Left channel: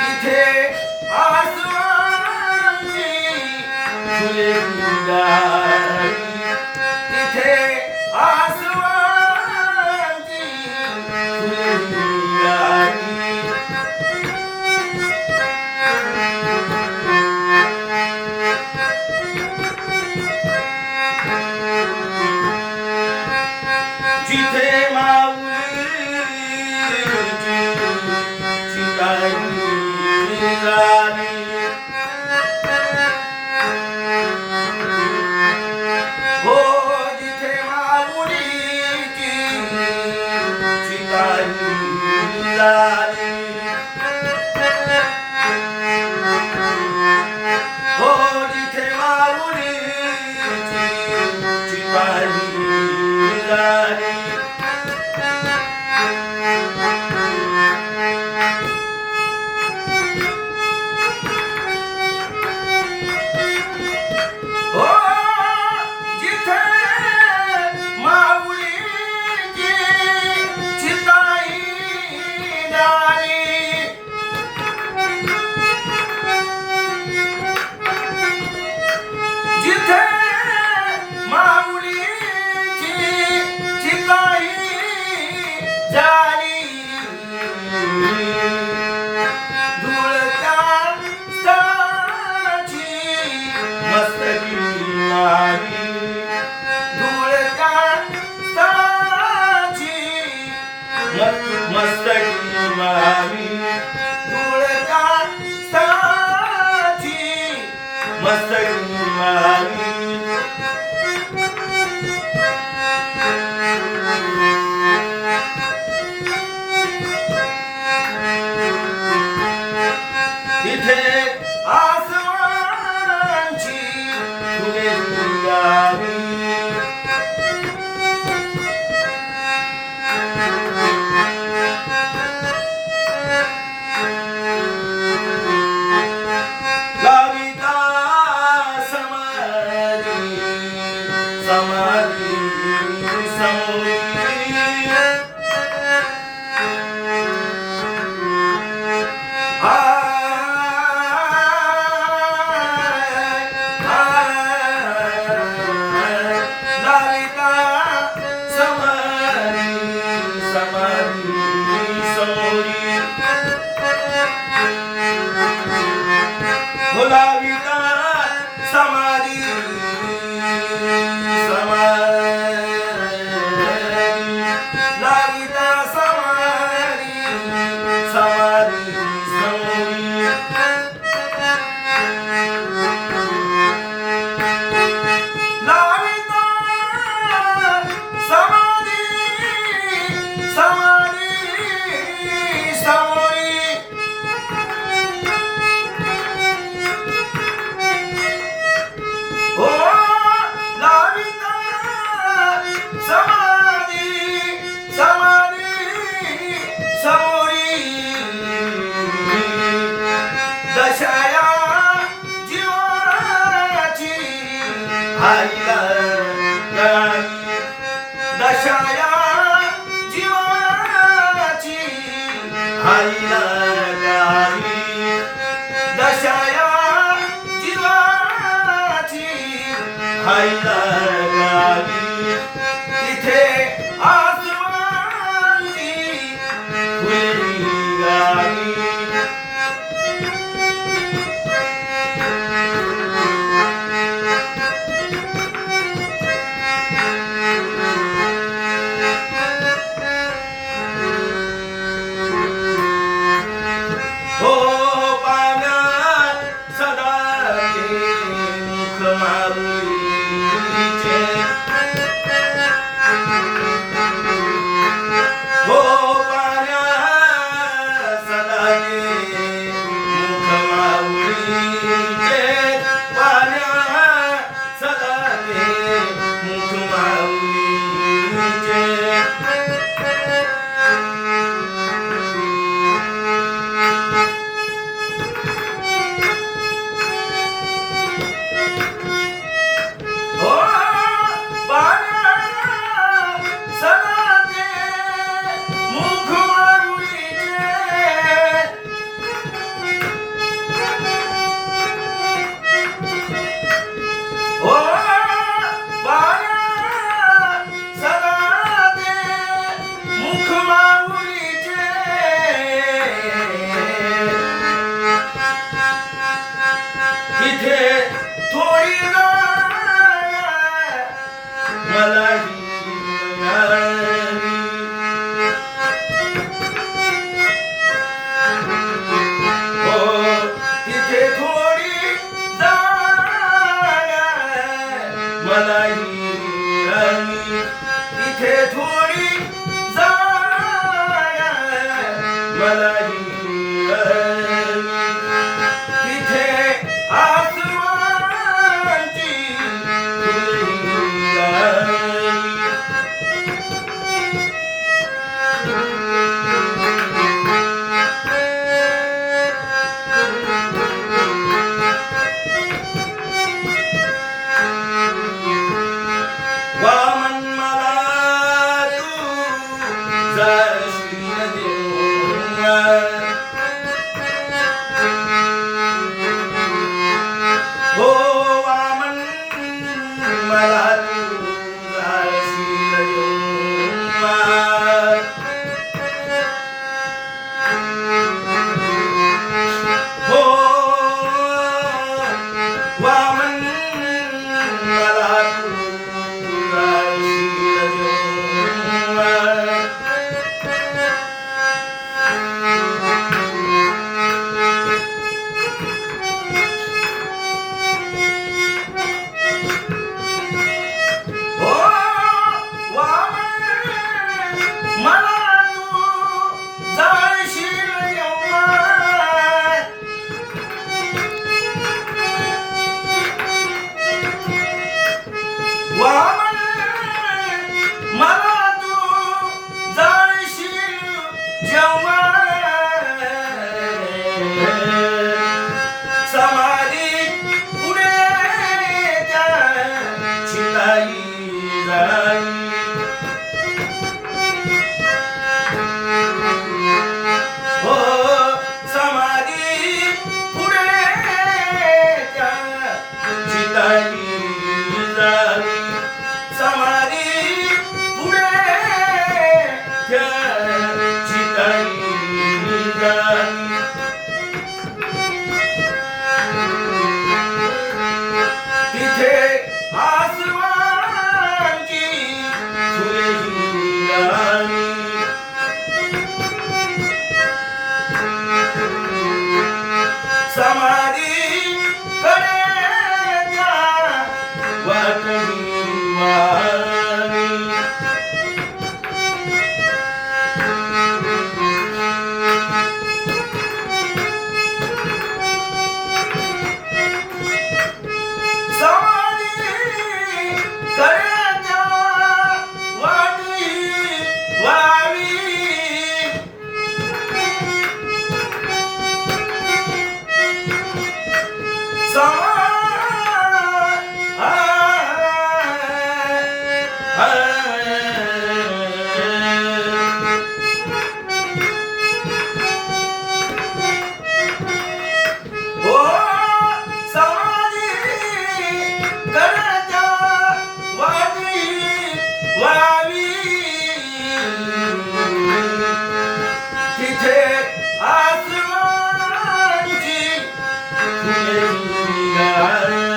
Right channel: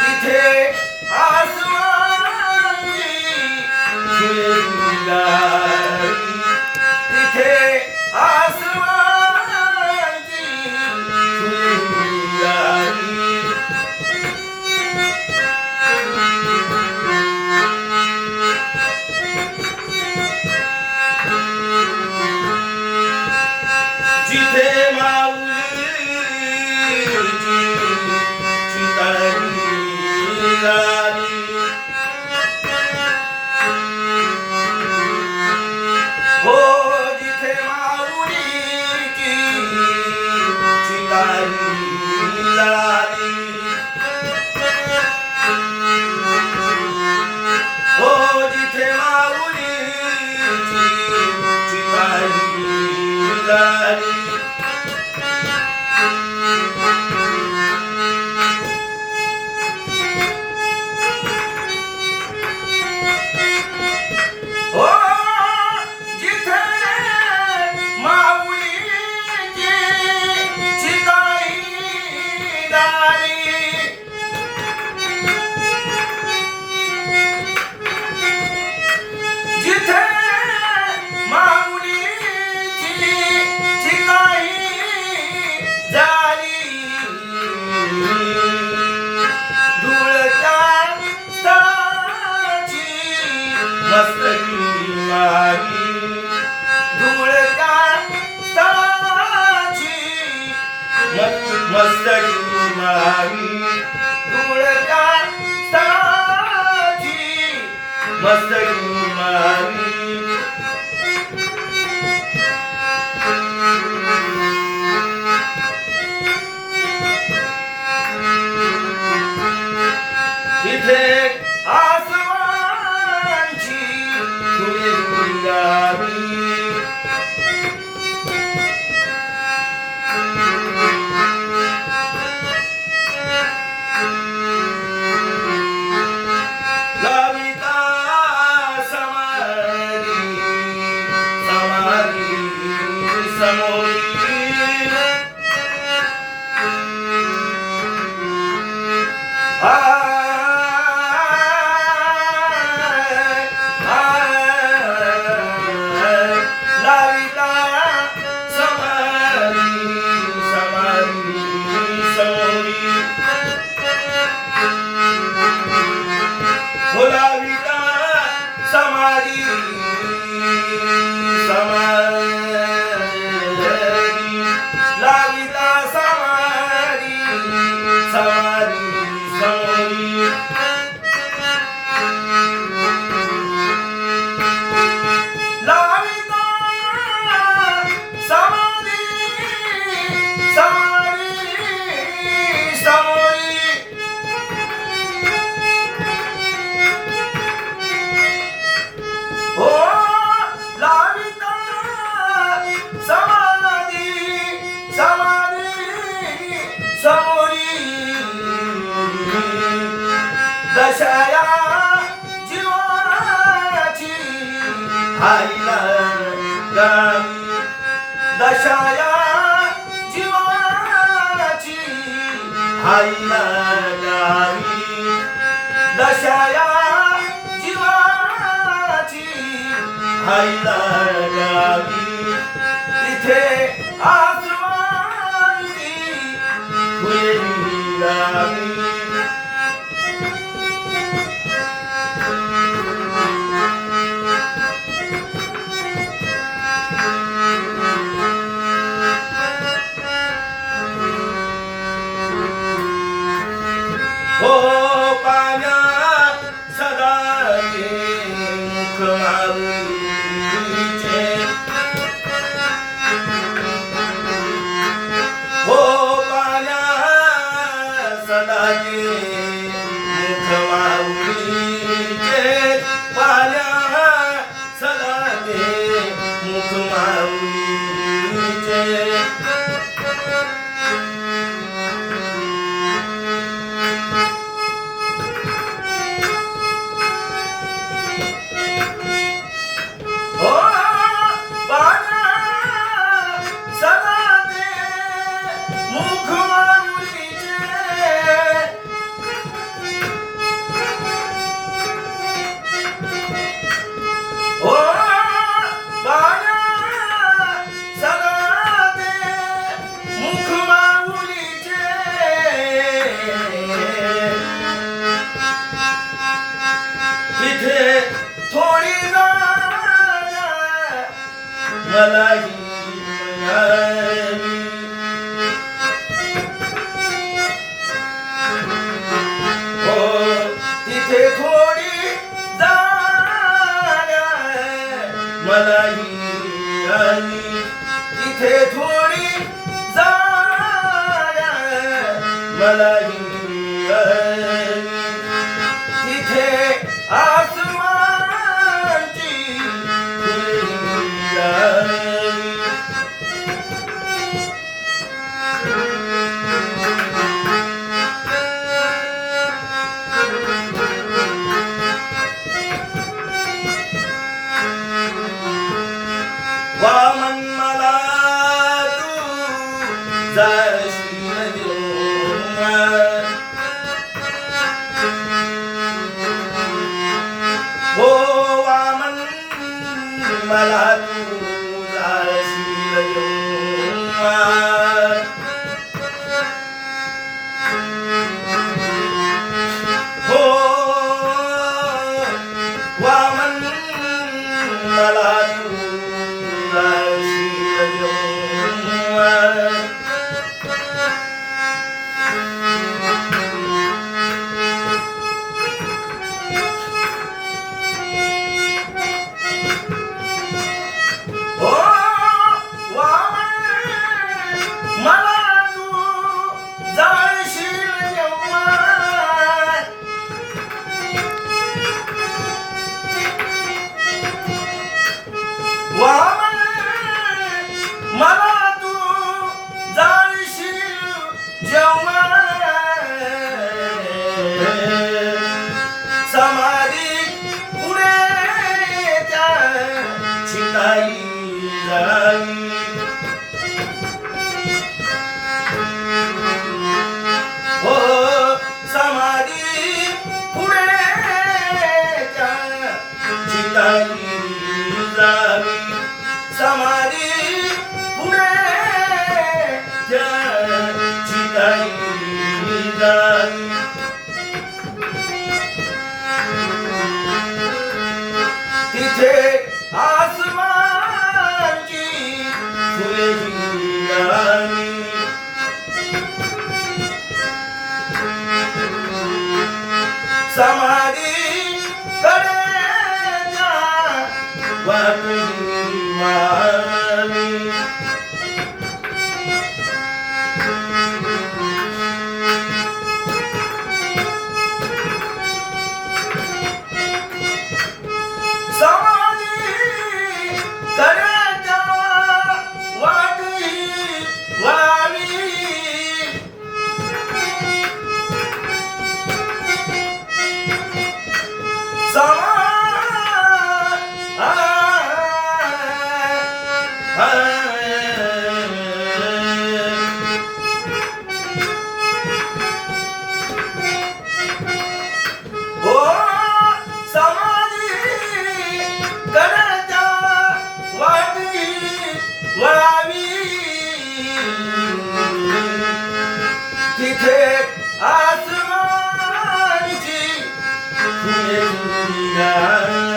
तिथे आसमानी फुले निघाली, तिथे आसमानी फुले निघाली. जिथे हो जिथे माऊलीची चितारी झाली, हो जिथे माऊलीची चितारी झाली. मस्तकी मावी धुळका स्थळाची, मस्तकी मावी. तिथे आसमानची फुले निघाली, समाधी समाधी लाविता समाधी समाधी समाधी लाविता समाधी समाधी समाधी. हो लाविता समाधी समाधी समोरी, दशया जीवनाची आईला गाई, दशया जीवनाची आईला गाई, दशया आईला गावी. तिथे आसमानी फुले निघाली, हो पाण्यात सदा ते मुख माऊलीचे. मलाही मिळाली. हो तिथे थोडी जागा मलाही मिळाली. तिथे थोडी जागा मलाही मिळाली. तिथे आसमानची खुली आली. वामन मला तू जाशील देऊन. हो वामन मला तू जाशील देऊन. हो वामन मला तू जाशील देऊन. हो वामन मला तू जाशील देऊन. वामन मला तू जाशील जेव्हा समाधी पुढे त्या शिकाई जाई. हो समाधी पुढे त्या शिकाई जाई. समाधी पुढे त्या शिकाई जाई. तिथे आसमानची खुली आली. समाधी कडेच्या वाटली वाली. समाधी कडेच्या वाटली वाली. हो समाधी कडेच्या वाटली वाली. तिथे आसमानची खुली आली.